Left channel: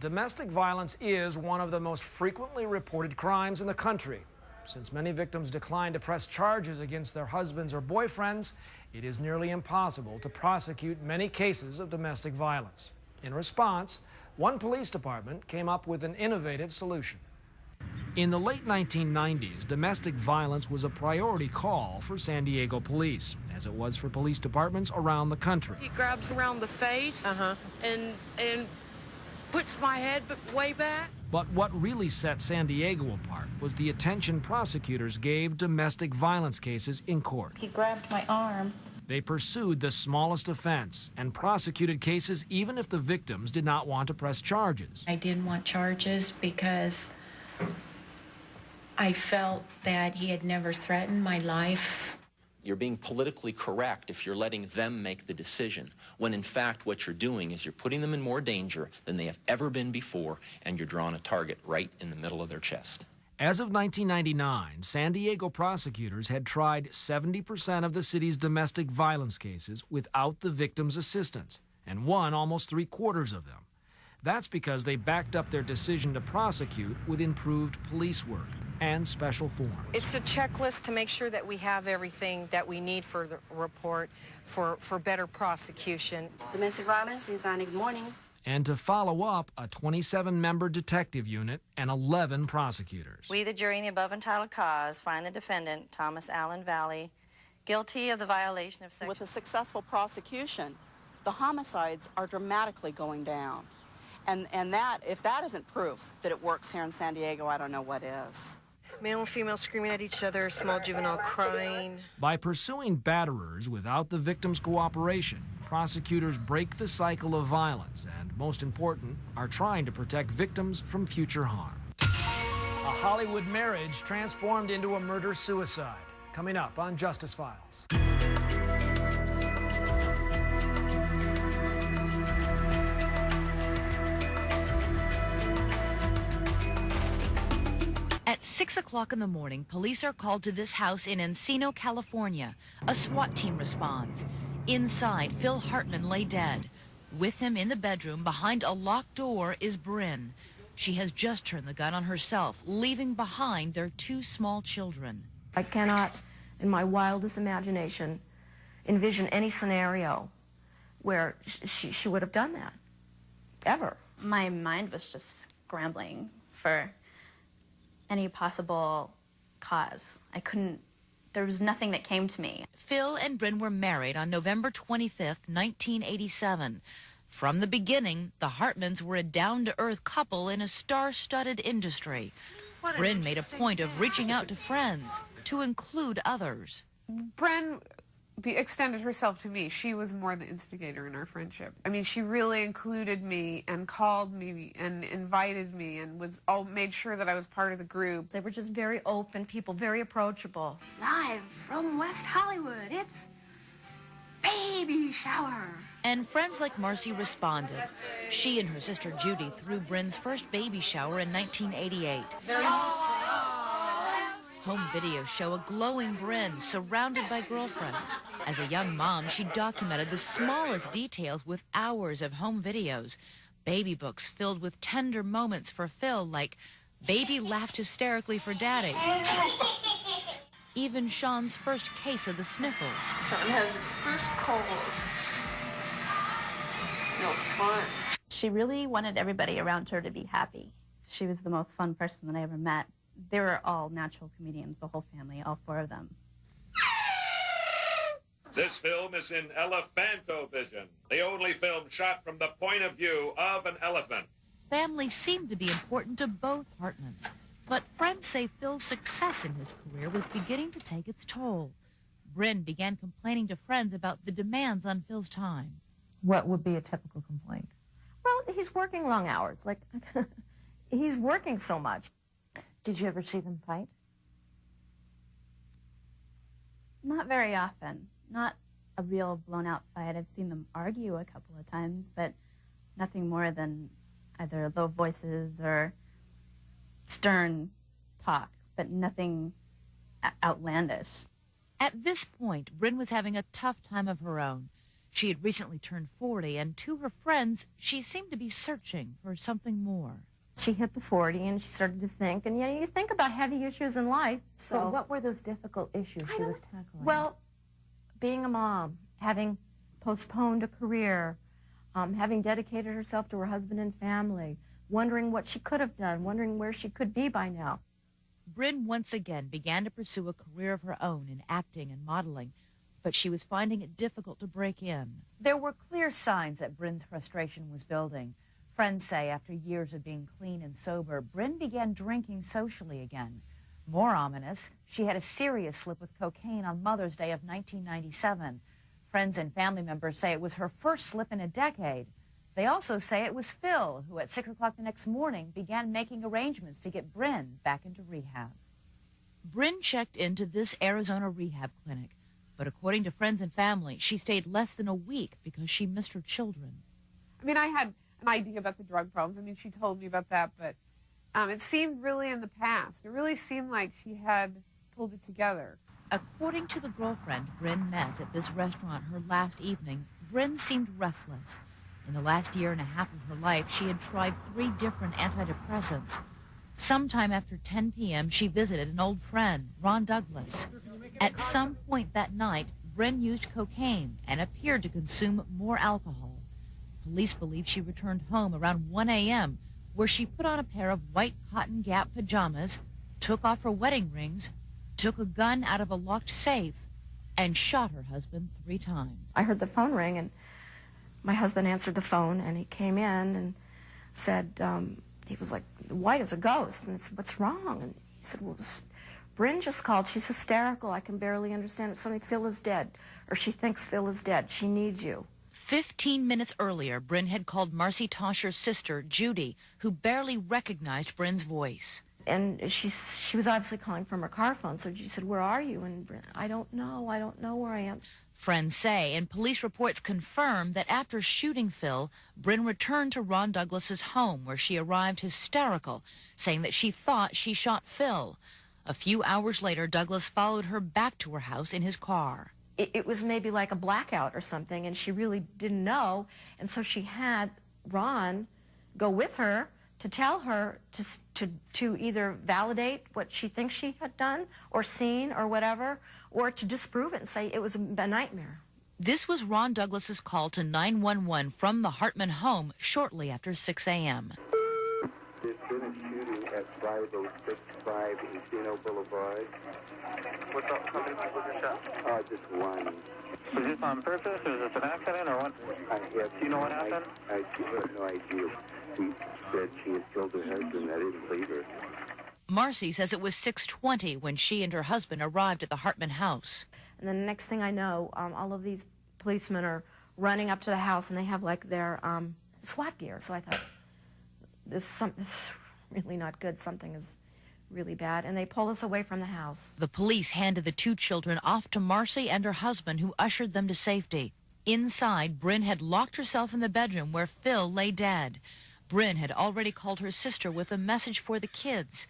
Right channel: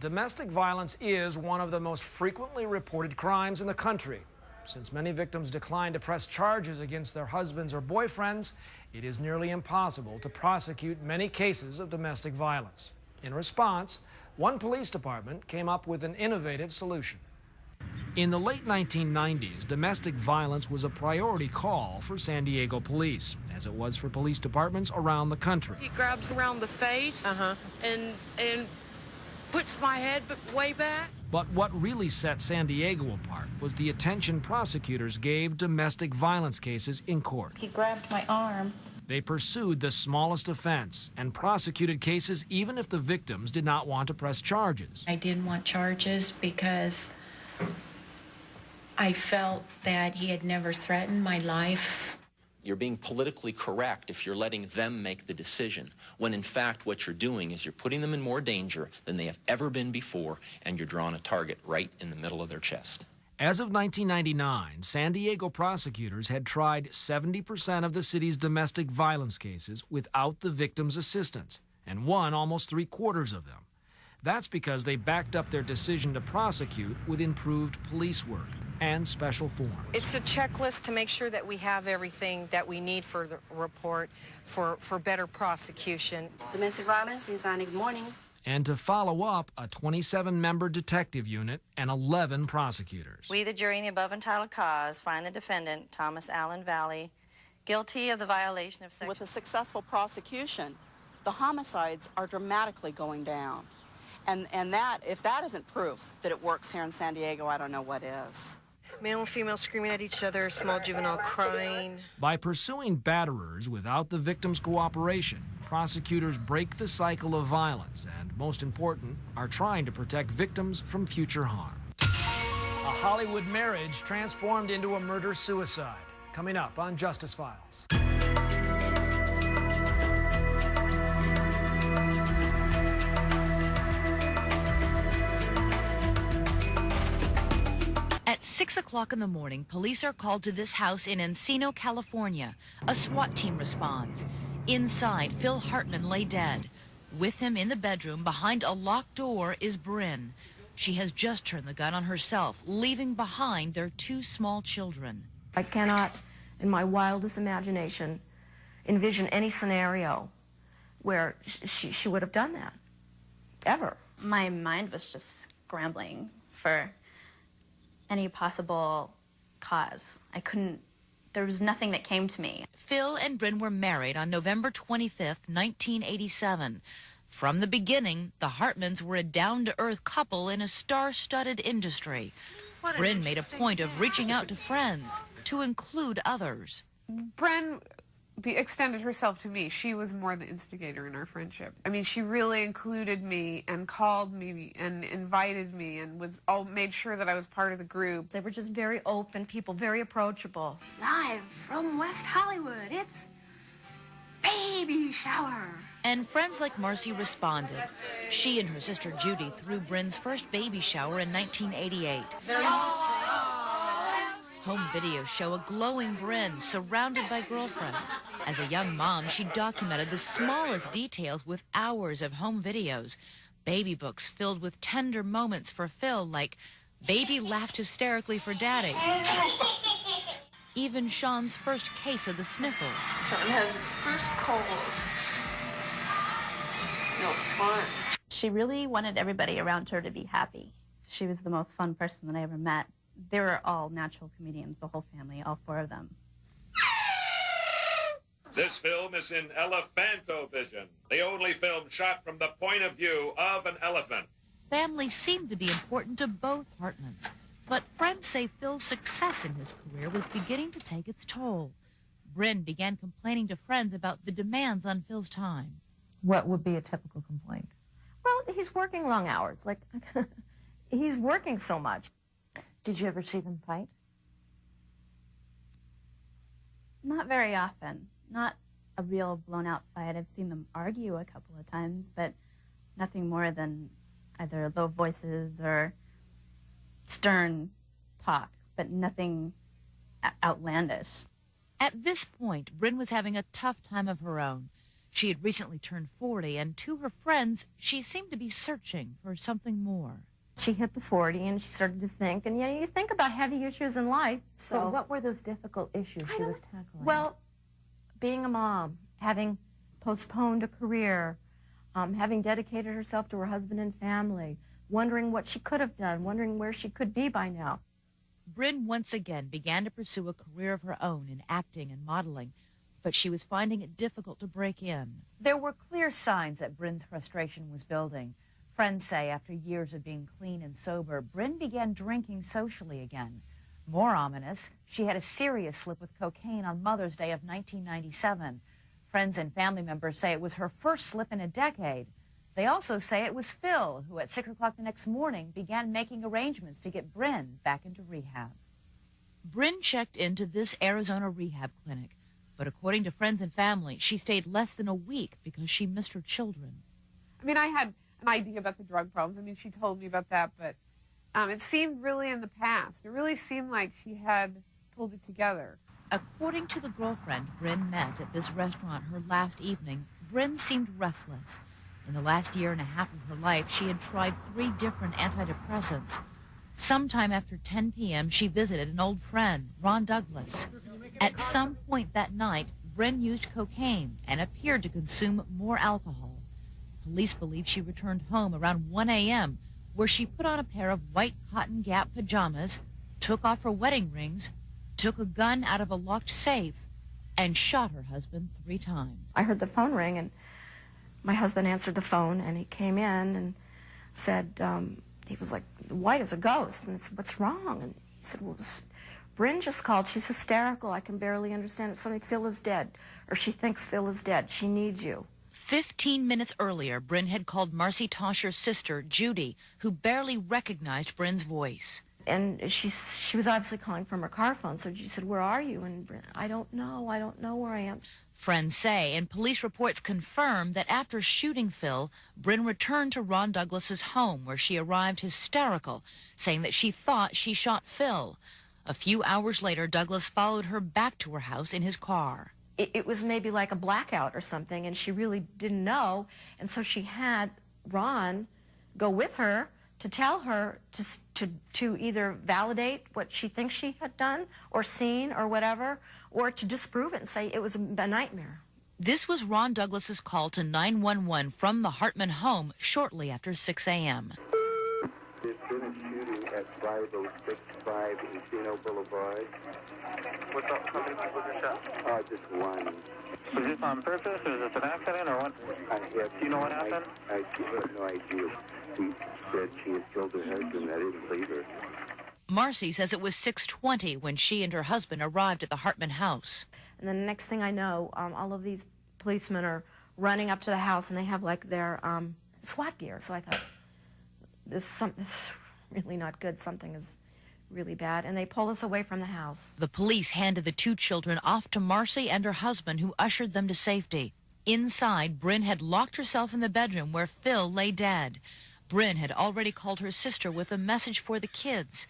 Domestic violence is one of the most frequently reported crimes in the country. Since many victims decline to press charges against their husbands or boyfriends, it is nearly impossible to prosecute many cases of domestic violence. In response, one police department came up with an innovative solution. In the late 1990s, domestic violence was a priority call for San Diego police, as it was for police departments around the country. He grabs around the face and puts my head way back. But what really set San Diego apart was the attention prosecutors gave domestic violence cases in court. He grabbed my arm. They pursued the smallest offense and prosecuted cases even if the victims did not want to press charges. I didn't want charges because I felt that he had never threatened my life. You're being politically correct if you're letting them make the decision, when in fact what you're doing is you're putting them in more danger than they have ever been before, and you're drawing a target right in the middle of their chest. As of 1999, San Diego prosecutors had tried 70% of the city's domestic violence cases without the victim's assistance, and won almost 3/4 of them. That's because they backed up their decision to prosecute with improved police work and special forms. It's a checklist to make sure that we have everything that we need for the report for better prosecution. Domestic violence is on. Good morning. And to follow up, a 27-member detective unit and 11 prosecutors. We, the jury in the above entitled cause, find the defendant, Thomas Allen Valley, guilty of the violation of section... With a successful prosecution, the homicides are dramatically going down. And that, if that isn't proof that it works here in San Diego, I don't know what is. Male and female screaming at each other, small juvenile crying. By pursuing batterers without the victim's cooperation, prosecutors break the cycle of violence and, most important, are trying to protect victims from future harm. A Hollywood marriage transformed into a murder-suicide. Coming up on Justice Files. At 6 o'clock in the morning, police are called to this house in Encino, California. A SWAT team responds. Inside, Phil Hartman lay dead. With him in the bedroom, behind a locked door, is Bryn. She has just turned the gun on herself, leaving behind their 2 small children. I cannot, in my wildest imagination, envision any scenario where she would have done that, ever. My mind was just scrambling for any possible cause. There was nothing that came to me. Phil and Bryn were married on November 25th, 1987. From the beginning, the Hartmans were a down-to-earth couple in a star-studded industry. Bryn made a point of reaching out to friends, to include others. Bryn extended herself to me. She was more the instigator in our friendship. I mean, she really included me and called me and invited me and made sure that I was part of the group. They were just very open people, very approachable. Live from West Hollywood, it's baby shower. And friends like Marcy responded. She and her sister Judy threw Bryn's first baby shower in 1988. Home videos show a glowing Bryn surrounded by girlfriends. As a young mom, she documented the smallest details with hours of home videos. Baby books filled with tender moments for Phil, like baby laughed hysterically for daddy. Even Sean's first case of the sniffles. Sean has his first cold. No fun. She really wanted everybody around her to be happy. She was the most fun person that I ever met. They were all natural comedians, the whole family, all 4 of them. This film is in Elephantovision, the only film shot from the point of view of an elephant. Family seemed to be important to both Hartmans, but friends say Phil's success in his career was beginning to take its toll. Bryn began complaining to friends about the demands on Phil's time. What would be a typical complaint? Well, he's working long hours. Like, he's working so much. Did you ever see them fight? Not very often. Not a real blown-out fight. I've seen them argue a couple of times, but nothing more than either low voices or stern talk, but nothing outlandish. At this point, Bryn was having a tough time of her own. She had recently turned 40, and to her friends, she seemed to be searching for something more. She hit the 40 and she started to think, and you think about heavy issues in life. So what were those difficult issues she was tackling? Well, being a mom, having postponed a career, having dedicated herself to her husband and family, wondering what she could have done, wondering where she could be by now. Bryn once again began to pursue a career of her own in acting and modeling, but she was finding it difficult to break in. There were clear signs that Bryn's frustration was building. Friends say after years of being clean and sober, Bryn began drinking socially again. More ominous, she had a serious slip with cocaine on Mother's Day of 1997. Friends and family members say it was her first slip in a decade. They also say it was Phil who at 6 o'clock the next morning began making arrangements to get Bryn back into rehab. Bryn checked into this Arizona rehab clinic, but according to friends and family, she stayed less than a week because she missed her children. I mean, I had an idea about the drug problems. I mean, she told me about that, but it seemed really in the past. It really seemed like she had pulled it together. According to the girlfriend Bryn met at this restaurant her last evening, Bryn seemed restless. In the last year and a half of her life, she had tried 3 different antidepressants. Sometime after 10 p.m., she visited an old friend, Ron Douglas. At some point that night, Bryn used cocaine and appeared to consume more alcohol. Police believe she returned home around 1 a.m., where she put on a pair of white cotton Gap pajamas, took off her wedding rings, took a gun out of a locked safe, and shot her husband 3 times. I heard the phone ring, and my husband answered the phone, and he came in and said, he was like white as a ghost, and I said, "What's wrong?" And he said, "Well, Bryn just called. She's hysterical. I can barely understand it. Something, Phil is dead, or she thinks Phil is dead. She needs you." 15 minutes earlier, Bryn had called Marcy Toscher's sister, Judy, who barely recognized Bryn's voice. And she was obviously calling from her car phone, so she said, "Where are you?" And Bryn, I don't know where I am. Friends say, and police reports confirm, that after shooting Phil, Bryn returned to Ron Douglas's home, where she arrived hysterical, saying that she thought she shot Phil. A few hours later, Douglas followed her back to her house in his car. It was maybe like a blackout or something, and she really didn't know, and so she had Ron go with her to tell her to either validate what she thinks she had done or seen or whatever, or to disprove it and say it was a nightmare. This was Ron Douglas's call to 911 from the Hartman home shortly after 6 a.m. There's been a shooting at 5065 Encino Boulevard. What's up? How many people were shot? Just one. Was this on purpose, or is this an accident, or what? Do you know what happened? I have no idea. She said she had killed her husband. I didn't believe her. Marcy says it was 6:20 when she and her husband arrived at the Hartman house. And then the next thing I know, all of these policemen are running up to the house, and they have like their SWAT gear. So I thought, this is really not good. Something is really bad. And they pull us away from the house. The police handed the 2 children off to Marcy and her husband, who ushered them to safety. Inside, Bryn had locked herself in the bedroom where Phil lay dead. Bryn had already called her sister with a message for the kids.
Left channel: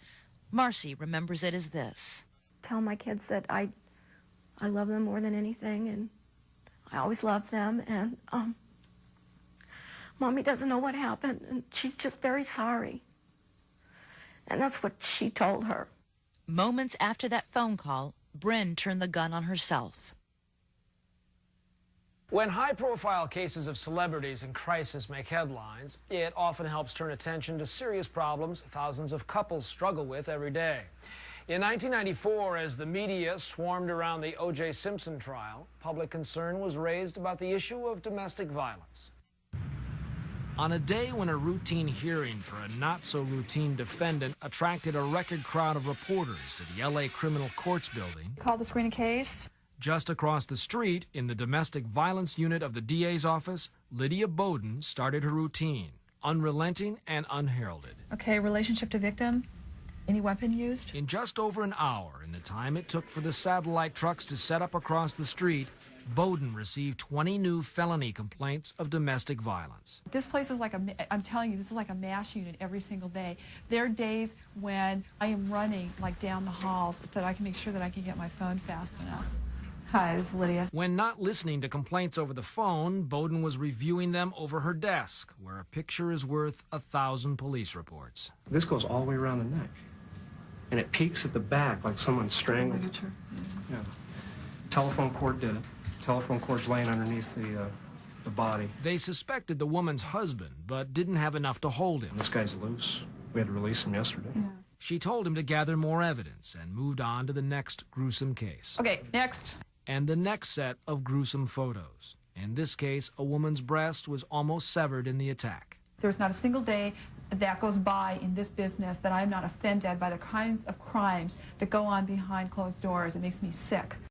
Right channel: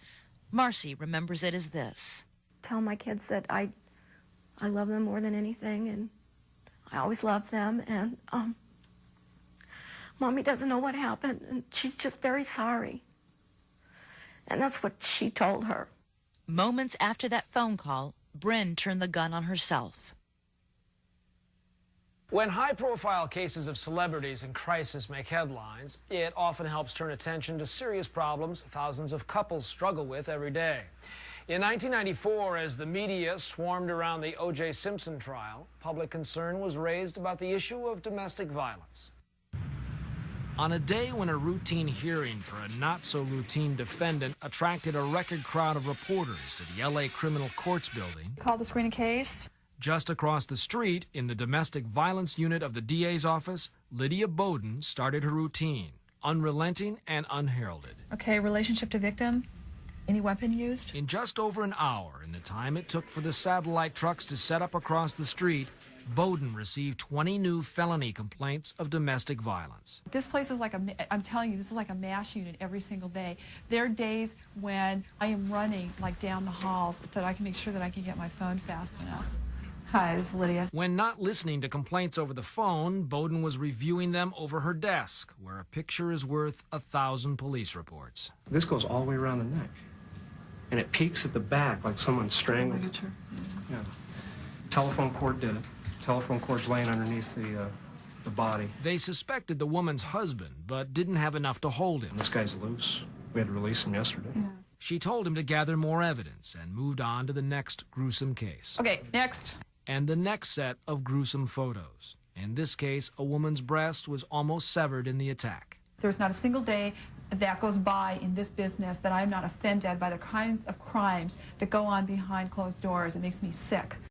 Marcy remembers it as this. Tell my kids that I love them more than anything, and I always love them, and Mommy doesn't know what happened, and she's just very sorry. And that's what she told her. Moments after that phone call, Bryn turned the gun on herself. When high-profile cases of celebrities in crisis make headlines, it often helps turn attention to serious problems thousands of couples struggle with every day. In 1994, as the media swarmed around the O.J. Simpson trial, public concern was raised about the issue of domestic violence. On a day when a routine hearing for a not-so-routine defendant attracted a record crowd of reporters to the L.A. Criminal Courts building, Call to screen a case. Just across the street, in the domestic violence unit of the DA's office, Lydia Bowden started her routine, unrelenting and unheralded. Okay, relationship to victim. Any weapon used? In just over an hour, in the time it took for the satellite trucks to set up across the street, Bowden received 20 new felony complaints of domestic violence. This place is like I'm telling you, this is like a MASH unit every single day. There are days when I am running like down the halls so that I can make sure that I can get my phone fast enough. Hi, this is Lydia. When not listening to complaints over the phone, Bowden was reviewing them over her desk, where a picture is worth 1,000 police reports. This goes all the way around the neck. And it peaks at the back like someone strangled it. Yeah. Telephone cord did it. Telephone cord's laying underneath the body. They suspected the woman's husband, but didn't have enough to hold him. This guy's loose. We had to release him yesterday. Yeah. She told him to gather more evidence and moved on to the next gruesome case. Okay, next. And the next set of gruesome photos. In this case, a woman's breast was almost severed in the attack. There's not a single day that goes by in this business that I'm not offended by the kinds of crimes that go on behind closed doors. It makes me sick.